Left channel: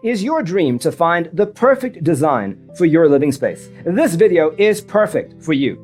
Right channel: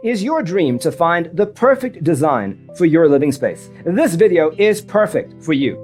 Is your dream to find the perfect design for your living space? This video is perfect for you.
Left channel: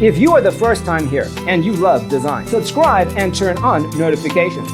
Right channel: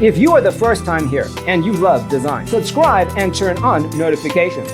If you are the first time here and you love design, subscribe and turn on notifications.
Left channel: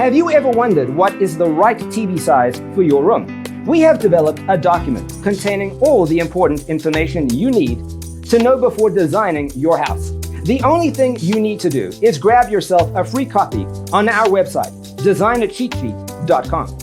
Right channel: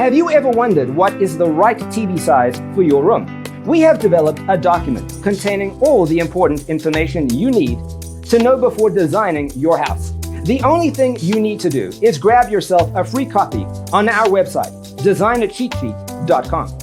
Have you ever wondered what is the right TV size for your room? We have developed a document containing all the important information you need to know before designing your house. The only thing you need to do is grab yourself a free copy on our website, designercheatsheet.com.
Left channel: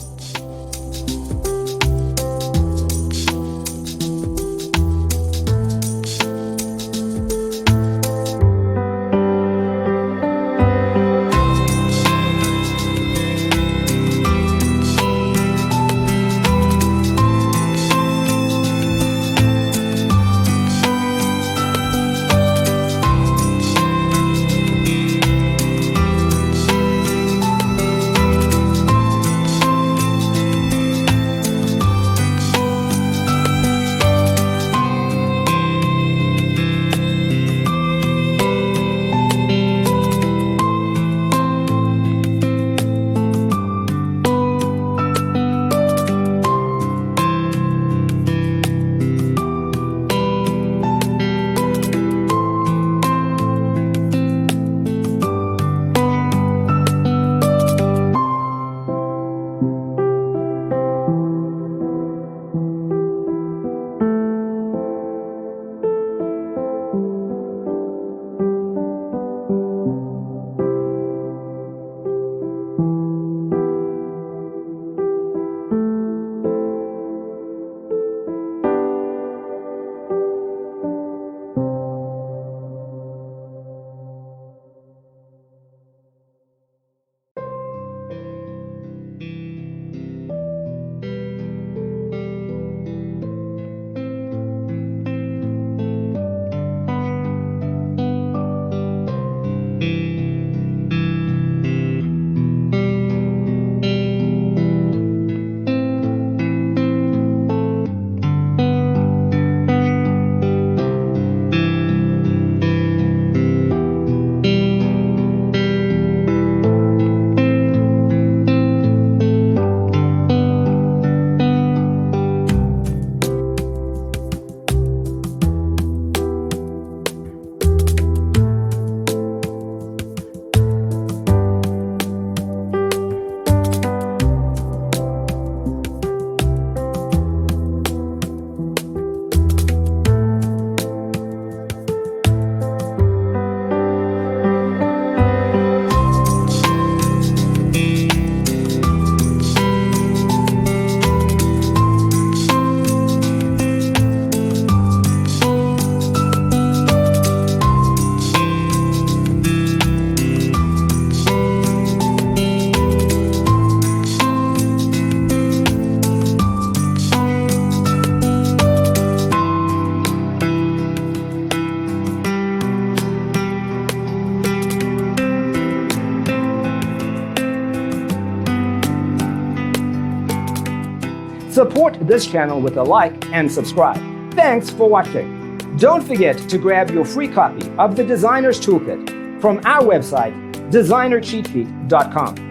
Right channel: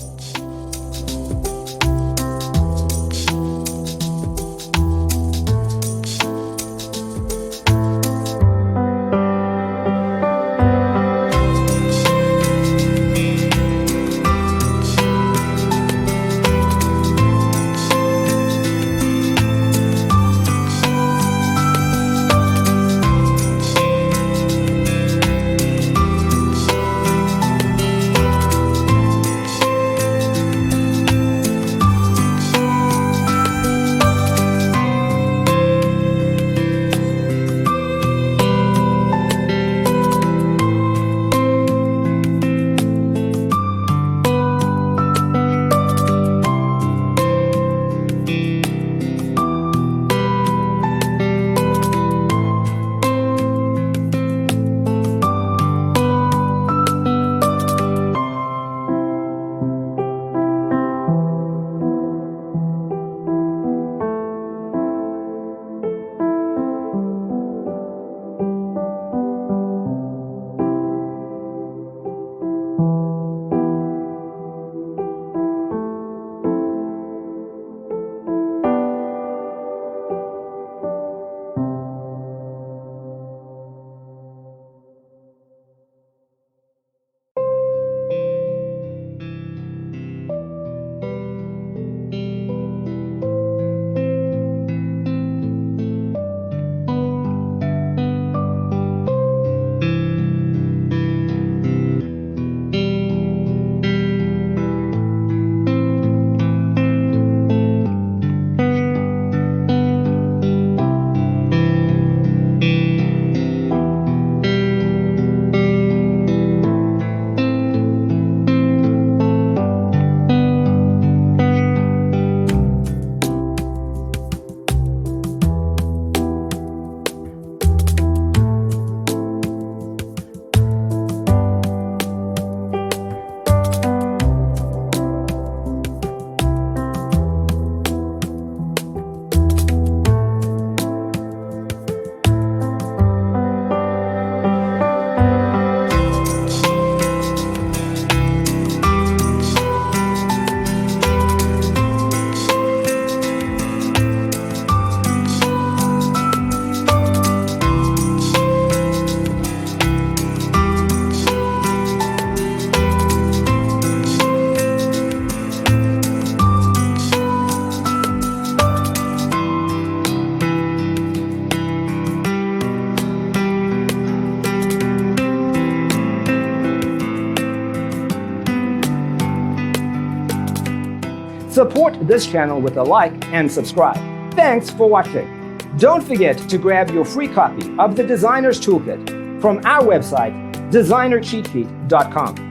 Support this channel with a like and subscribe. Thanks for watching. Don't forget to grab your free copy of the Designer's Toolkit from our website, designercheatsheet.com.